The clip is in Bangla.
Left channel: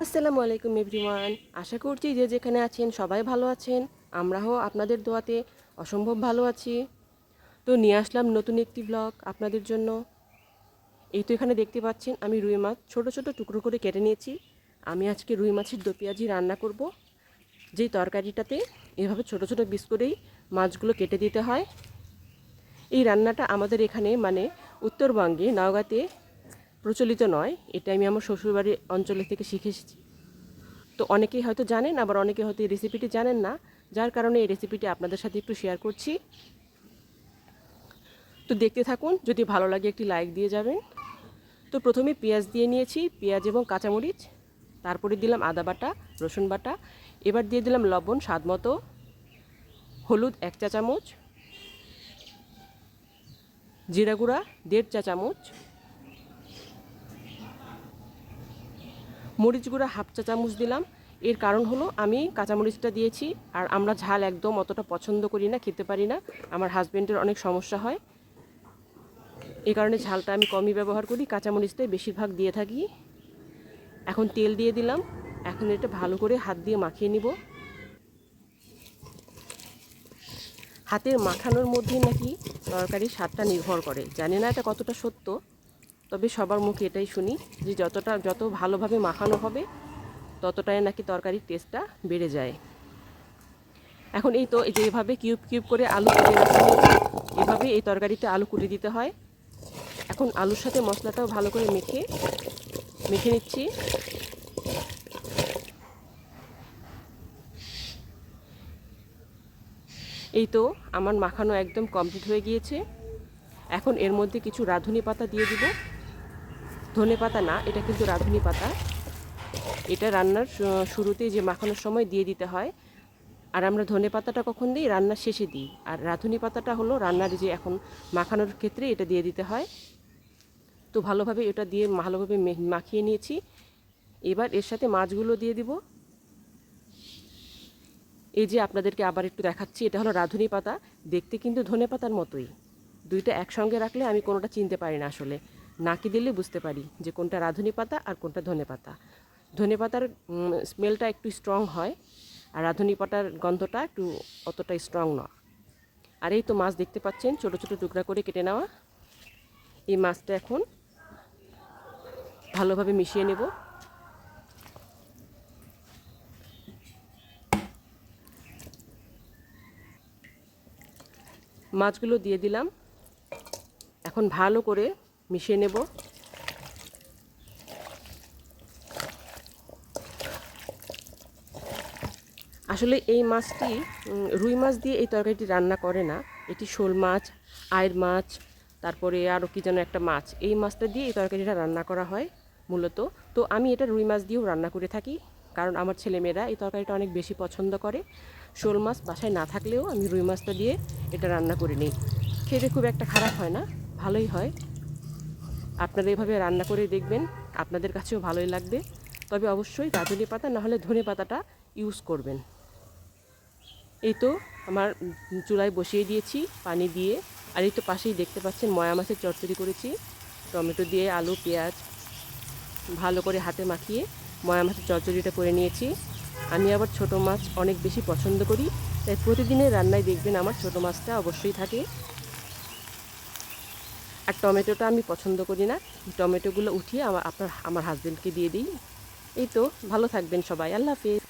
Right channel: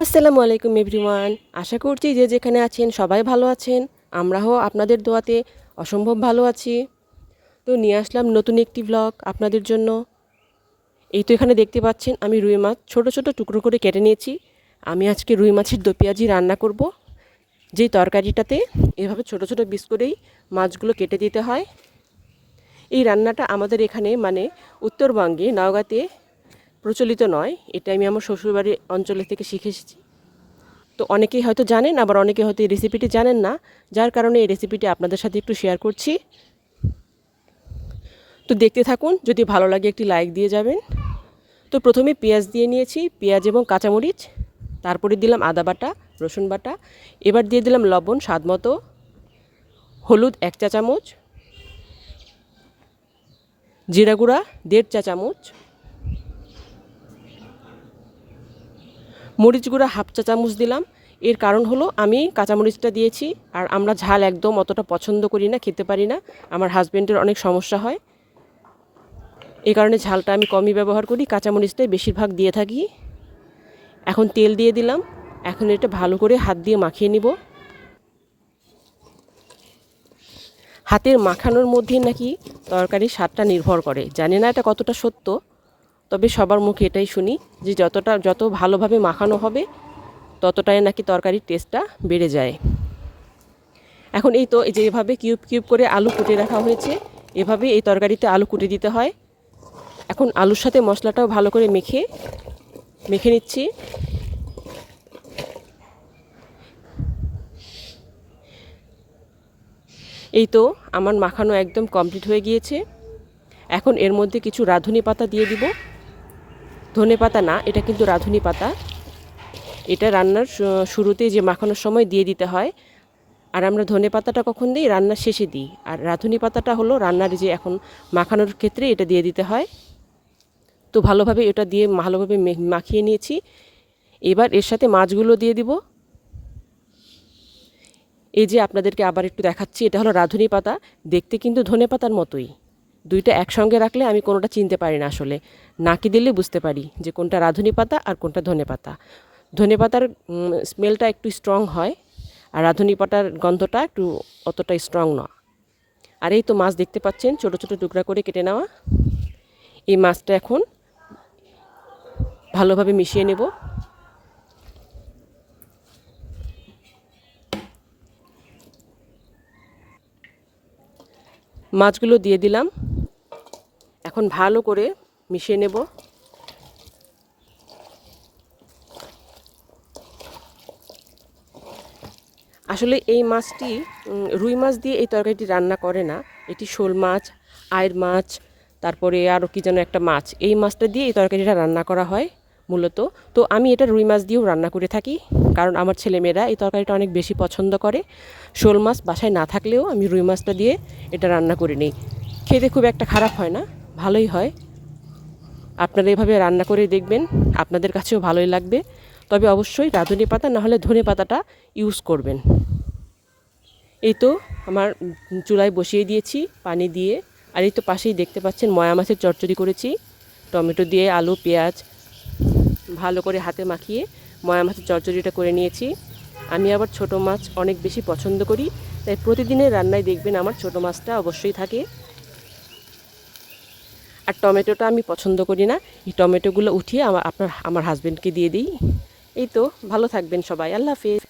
আসসালামু আলাইকুম এভরিওয়ান। আশা করছি যে যেখানে আছেন সবাই ভালো আছেন। আমরাও আপনাদের দোয়াতে অসম্ভব ভালো আছি। তো নিয়ে আসলাম নতুন একটি ব্লগ আপনাদের জন্য। এই তো এখানে দেখতে পাচ্ছেন আমি রুই মাছ ছোট ছোট টুকরো করে কেটে নিয়েছি। আমি আজকে রুই মাছের দো পেঁয়াজি রান্না করব। যেই তরকারিটাতে এভাবে ছোট ছোট পিস করেই মাছগুলো কেটে দিতে হয়। এই রান্নাটা আমাদের এখানে মানে উত্তরবঙ্গে নওগাঁতে প্রচলিত নয়। এটা আমি আমার শ্বশুরবাড়ির অঞ্চলে থেকে শিখে এসেছি। তো অনেকেই হয়তো জানেন, আবার অনেকে হয়তো এই রেসিপিটি জানেন না, যার কারণে এই রেসিপিটি আপনাদের সাথে একটু শেয়ার করছি। তো দেখতে থাকুন, যদি ভালো লাগে একটি লাইক দিয়ে যাবেন। তো প্রথমে পেঁয়াজ দিয়ে নিয়েছি, পেঁয়াজ এবং কাঁচামরিচ, তারপরে দিলাম আদা বাটা, রসুন বাটা, এবার দিয়ে দিলাম লবণ স্বাদ মতো, হলুদ 1 চা চামচ, জিরা গুঁড়া 1.5 চা চামচ, মরিচ গুঁড়া 1/2 চা চামচ দিলাম। এর কারণ হলো আমি কাঁচামরিচটা দিয়েছি, আর আমরা ঝাল একদম অতটা পছন্দ করি না, খেতে পারি না। আমার হাজব্যান্ডের অনেক সমস্যা হয়, এই কারণে ঝালটা আমি কমই ব্যবহার করি, কাঁচামরিচটাই বেশিরভাগ দিয়ে থাকি। এখন তেল দিয়ে দিলাম। এখন এটা ভালো করে হাত দিয়ে মাখিয়ে নিব। হাতের মাখানোর মধ্যে নাকি তরকারির স্বাদটা নির্ভর করে, জানি না এটা কতটা সত্য, তবে সবার মুখে এটাই শুনি যে যত ভালোভাবে মাখানো হবে ততটাই নাকি তরকারির টেস্টটা বেড়ে যায়। এখন এই তো এই যে এভাবে কিউব কিউব করে আলু কুটে রাখা হয়েছে, এভাবে এই তরকারিতে আলু কুটে দিতে হয়। এখন আলুর সাথে মশলাটাও ভালো করে মেখে নিচ্ছি। এই তো আমার মাখানো একদম কমপ্লিট হয়ে গিয়েছে। এখন এর মধ্যে কিছু রাঁধুনি পাতা দিয়ে দিব। ধনে পাতা না, এটা কিন্তু রাঁধুনি পাতা। এটা রান্নার শুরুতেই যে মাখানোর সময় দিয়ে দিতে হয়। আর আমরা ধনে পাতাটা কখন দিই? রান্নার শেষে দিই। আর রাঁধুনি পাতাটা হলো রান্নার যে এখন মাখানোর ক্ষেত্রে এটা দিয়ে দিতে হয়। তো ভালোভাবে এটা দিয়ে ভালোভাবে মাখিয়ে নিয়েছি। এবার এর সাথে মাছগুলো দিয়ে দিব। এই যে আপনাদেরকে আবার একটু দেখাচ্ছি, এটা হলো রাঁধুনি পাতা, দেখতে কিন্তু ধনে পাতার মতোই। দুইটা একসঙ্গে রাখলে আমি কোনোটা চিনতে পারি না আসলে, নাকি দিলে বুঝতে পারি যে কোনটা রাঁধুনি পাতা আর কোনটা ধনে পাতা। ধনে পাতার স্মেলটা একটু স্ট্রং হয়, আর রাঁধুনি পাতার গন্ধটা একটু অতটা স্ট্রং না। আর এই তো মাছ দেখতে পাচ্ছেন ছোটো ছোটো টুকরা করে কেটে নেওয়া। এই মাছটা এখন ভালোভাবে মিশিয়ে নেব। মাছগুলো দিয়ে দিলাম, এখন ভালো করে মিশিয়ে নেব। আসলে এই মাছটি রুই মাছ দিয়ে এই তরকারিটি রান্না করে না, এটি শোল মাছ, আয়ের মাছ, তারপরে আরও কী যেন একটা মাছ, এই মাছটা দিয়ে এই তরকারিটা রান্না করা হয় মূলত। তো আমি এটা রুই মাছ দিয়েও রান্না করে থাকি, কারণ আমার ছেলেমেয়েরা এই তরকারিটা অনেক বেশি পছন্দ করে। শোল মাছ বাসায় না থাকলেও আমি রুই মাছটা দিয়ে এটা রান্না করে নিই। খেতে খুব একটা খারাপ হয় না, ভালোই হয়। আপনারা এভাবে রান্না করে দেখবেন, আপনাদের কাছেও ভালোই লাগবে। তবে অবশ্যই রাঁধুনি পাতা না হলে ধনে পাতাটা ইউজ করবেন। এই তো আমার চুলায় বসিয়ে দিয়েছি পানি দিয়ে। আর এই তো পাশেই দেখতে পাচ্ছেন ময়া মাছের চচ্চড়ি করেছি, টমেটো দিয়ে আলু পেঁয়াজ ভালো করে হাতে মাখিয়ে ময়া মাছের চচ্চড়িটা করে নিয়েছি। আমি আবার ছোট মাছ অনেক বেশি পছন্দ করি, তাই প্রতিদিনের রান্নায় দেখবেন আমার ছোট মাছটা অবশ্যই থাকে। আর টমেটোটা আমি পছন্দ করি না, এই টমেটোগুলো উঠিয়ে আমার হাজব্যান্ডকে দিয়ে দিই। এই তো, ভালো থাকবেন সবাই, আল্লাহ হাফেজ।